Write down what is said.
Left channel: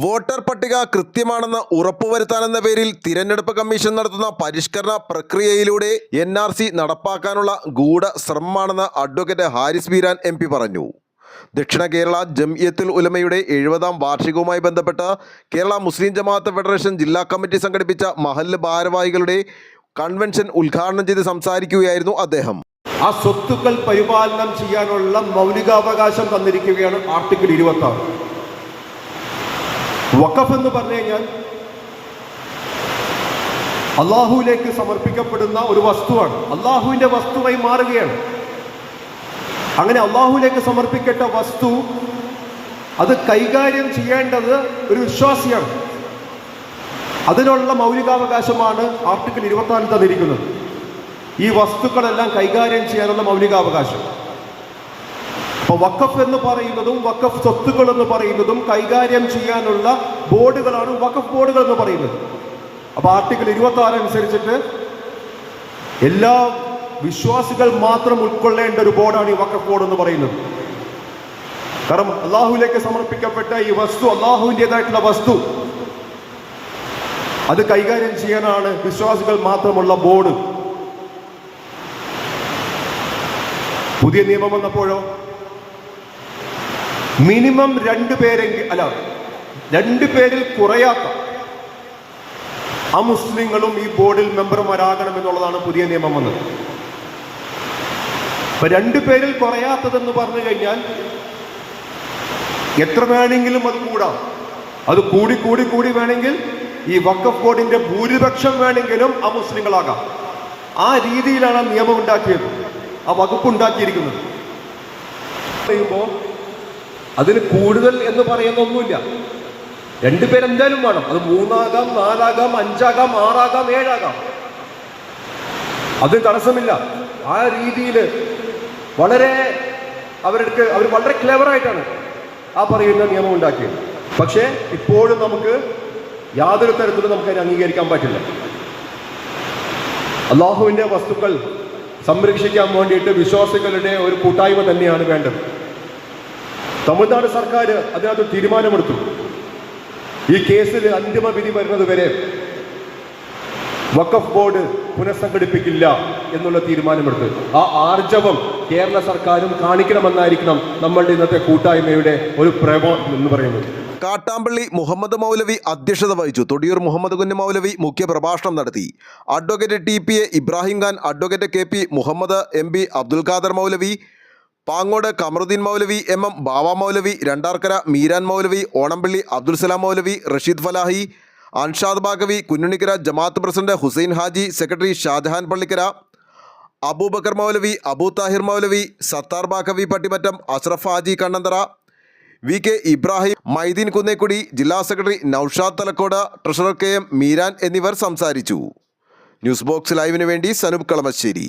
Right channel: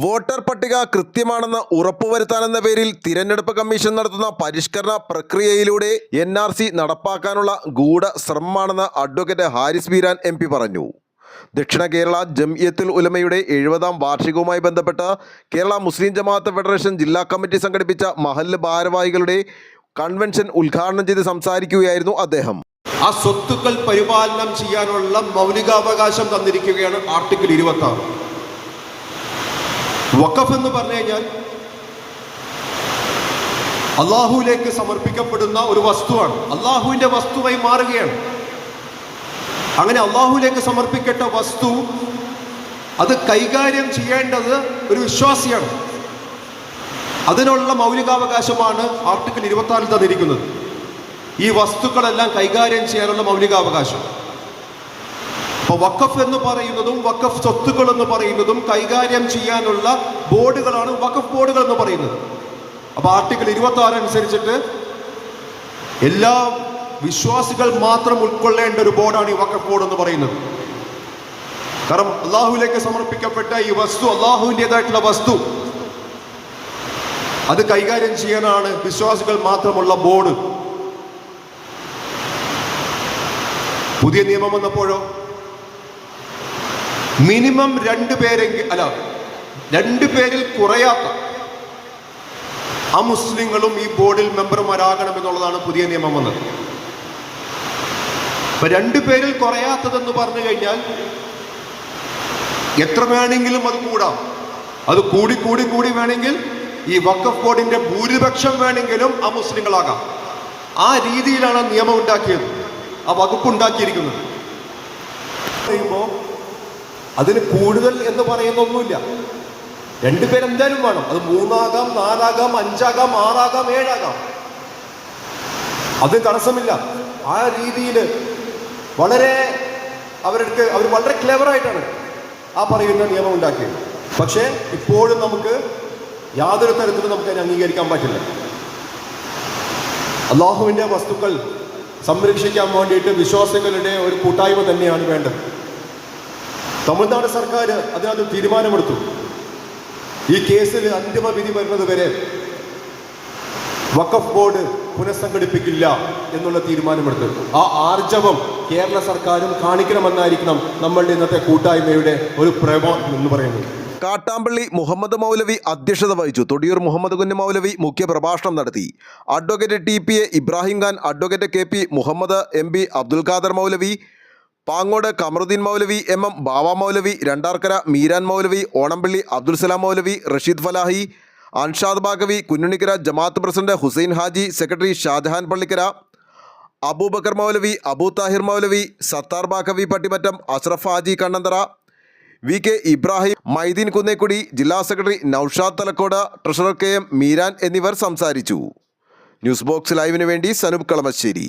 Voter പട്ടിക കൃത്യമാണെന്ന് ഉറപ്പുവരുത്താനെന്ന പേരിൽ തിരഞ്ഞെടുപ്പ് കമ്മീഷൻ നടത്തുന്ന പരിഷ്കരണ പ്രക്രിയയിലൂടെ എൻ ആർ സി നടപ്പാക്കാനുള്ള ഗൂഢ ശ്രമമാണെന്ന് advocate Haris Beeran M P പറഞ്ഞു. ദക്ഷിണ കേരള ജംഇയത്തുൽ ഉലമയുടെ എഴുപതാം വാർഷികവുമായി ബന്ധപ്പെട്ട് കേരള മുസ്ലിം ജമാഅത്ത് ഫെഡറേഷൻ ജില്ലാ കമ്മിറ്റി സംഘടിപ്പിച്ച മഹല്ല് ഭാരവാഹികളുടെ കൺവെൻഷൻ ഉദ്ഘാടനം ചെയ്ത് സംസാരിക്കുകയായിരുന്നു അദ്ദേഹം. ആ സ്വത്തുക്കൾ പരിപാലനം ചെയ്യാനുള്ള മൗലികാവകാശം തന്നിരിക്കുകയാണ് ആർട്ടിക്കിൾ ഇരുപത്തി വഖഫ് എന്ന് പറഞ്ഞു കഴിഞ്ഞാൽ അള്ളാഹുവിലേക്ക് സമർപ്പിക്കപ്പെടുന്ന ഒരു വസ്തുവാണ്. അള്ളാഹുവിന്റെ വസ്തുവായി മാറുകയാണ്. അങ്ങനെ അള്ളാഹുവിലേക്ക് സമർപ്പിക്കപ്പെട്ട വസ്തു അത് കൈകാര്യം ചെയ്യേണ്ടത് ഒരു വിശ്വാസിയാണ്. അതിനുള്ള മൗലികാവകാശമാണ് ആർട്ടിക്കിൾ ഇരുപത്തി ആറിൽ തന്നിരിക്കുന്നത്. ഈ വസ്തുക്കളെല്ലാം കൈകാര്യം ചെയ്യാനുള്ള മൗലികാവകാശം. അപ്പൊ വക്കഫ് എന്ന് പറയുന്നതും വക്കഫ് സ്വത്തുക്കൾ എന്ന് പറയുന്നതും കൈകാര്യം ചെയ്യാനുള്ള ബോർഡുകളാണ് വക്കഫ് ബോർഡുകൾ എന്ന് പറയുന്നത്. അപ്പൊ ആർട്ടിക്കിൾ ഇരുപത്തി ആറ് അനുസരിച്ചിട്ട് എല്ലാ വിശ്വാസികൾ മാത്രം ഉൾക്കൊള്ളേണ്ട ഒരു ബോർഡാണ് ഈ വക്കഫ് ബോർഡ് എന്ന് പറയുന്നത്. കാരണം അള്ളാഹുവിലേക്ക് സമർപ്പിക്കപ്പെട്ട ഈ വസ്തു അള്ളാഹുവിന്റെതായിട്ടുള്ള വസ്തു. അത് കൈകാര്യം ചെയ്യാനാണ് വിശ്വാസികൾ മാത്രമുള്ള ബോർഡ്. പുതിയ നിയമം വന്നപ്പോഴോ? മിനിമം രണ്ടു പേരെങ്കിൽ അല്ല രണ്ടു പേരിൽ കുറയാത്ത ആ മുസ്ലിങ്ങളും ഈ ബോർഡിൽ മെമ്പർമാരാകണം എന്നുള്ളതാണ് പുതിയ നിയമം വന്നത്. അപ്പൊ രണ്ടു പേരിൽ കുറയാത്തതെന്ന് പറഞ്ഞു കഴിഞ്ഞാൽ എത്ര വേണമെങ്കിലും അത് കൂടാം. അത് കൂടി കൂടി കൂടി വേണമെങ്കിൽ ഈ വക്കഫ് ബോർഡിന്റെ ഭൂരിപക്ഷം വേണമെങ്കിലും ആ മുസ്ലിങ്ങളാകാം ആ രീതിയിലാണ് നിയമം ഉണ്ടാക്കിയത്. ആ വകുപ്പ് ഉണ്ടാക്കിയിരിക്കുന്നത്. പറയുമ്പോൾ അതിന് കൂടുതൽ എന്ന് പറയുന്നൊന്നുമില്ല. രണ്ടുപേരെന്തായാലും വേണം. അത് മൂന്നാകാം നാലാകാം അഞ്ചാകാം ആറാകാം ഏഴാകാം. അതിന് തടസ്സമില്ല. ആ രീതിയിൽ വളരെ അവർക്ക് അവർ വളരെ ക്ലെവറായിട്ടാണ് ആ പറയുന്ന നിയമം ഉണ്ടാക്കിയത്. പക്ഷേ ഇപ്പോഴും നമുക്ക് യാതൊരു തരത്തിലും നമുക്ക് അതിനെ അംഗീകരിക്കാൻ പറ്റില്ല. അള്ളാഹുവിന്റെ വസ്തുക്കൾ സംരക്ഷിക്കാൻ വേണ്ടിയിട്ട് വിശ്വാസികളുടെ ഒരു കൂട്ടായ്മ തന്നെയാണ് വേണ്ടത്. തമിഴ്നാട് സർക്കാർ അതിനകത്ത് തീരുമാനമെടുത്തു. ഈ കേസിൽ അന്തിമ വിധി വരുന്നത് വരെ വഖഫ് ബോർഡ് പുനഃസംഘടിപ്പിക്കില്ല എന്നുള്ള തീരുമാനമെടുത്തു. ആ ആർജവം കേരള സർക്കാരും കാണിക്കണമെന്നായിരിക്കണം നമ്മളുടെ ഇന്നത്തെ കൂട്ടായ്മയുടെ ഒരു പ്രേമം എന്ന് പറയുന്നത്. കാട്ടാമ്പള്ളി മുഹമ്മദ് മൗലവി അധ്യക്ഷത വഹിച്ചു. തൊടിയൂർ മുഹമ്മദ് കുഞ്ഞ് മൗലവി മുഖ്യ പ്രഭാഷണം നടത്തി. Advocate T P A Ibrahim Khan advocate K P Muhammad M P Abdul Khader Maulavi Pangode Kamaruddin Maulavi M M Bava Maulavi Randarkara Meeran Maulavi Onampally Abdul Salam Maulavi Rasheed Falahi Anshad Baqavi Kunjunikkara Jamaath president Hussain Haji secretary Shajahan Pallikkara Abubakar Maulavi Abu Thahir Maulavi Sathar Baqavi Pattimattam Ashraf Haji Kannanthara V K Ibrahim Maideen Kunnekkudi ജില്ലാ secretary Noushad Thalakode treasurer K M Meeran എന്നിവർ സംസാരിച്ചു. News box ലൈവിന് വേണ്ടി സനൂപ് കളമശ്ശേരി.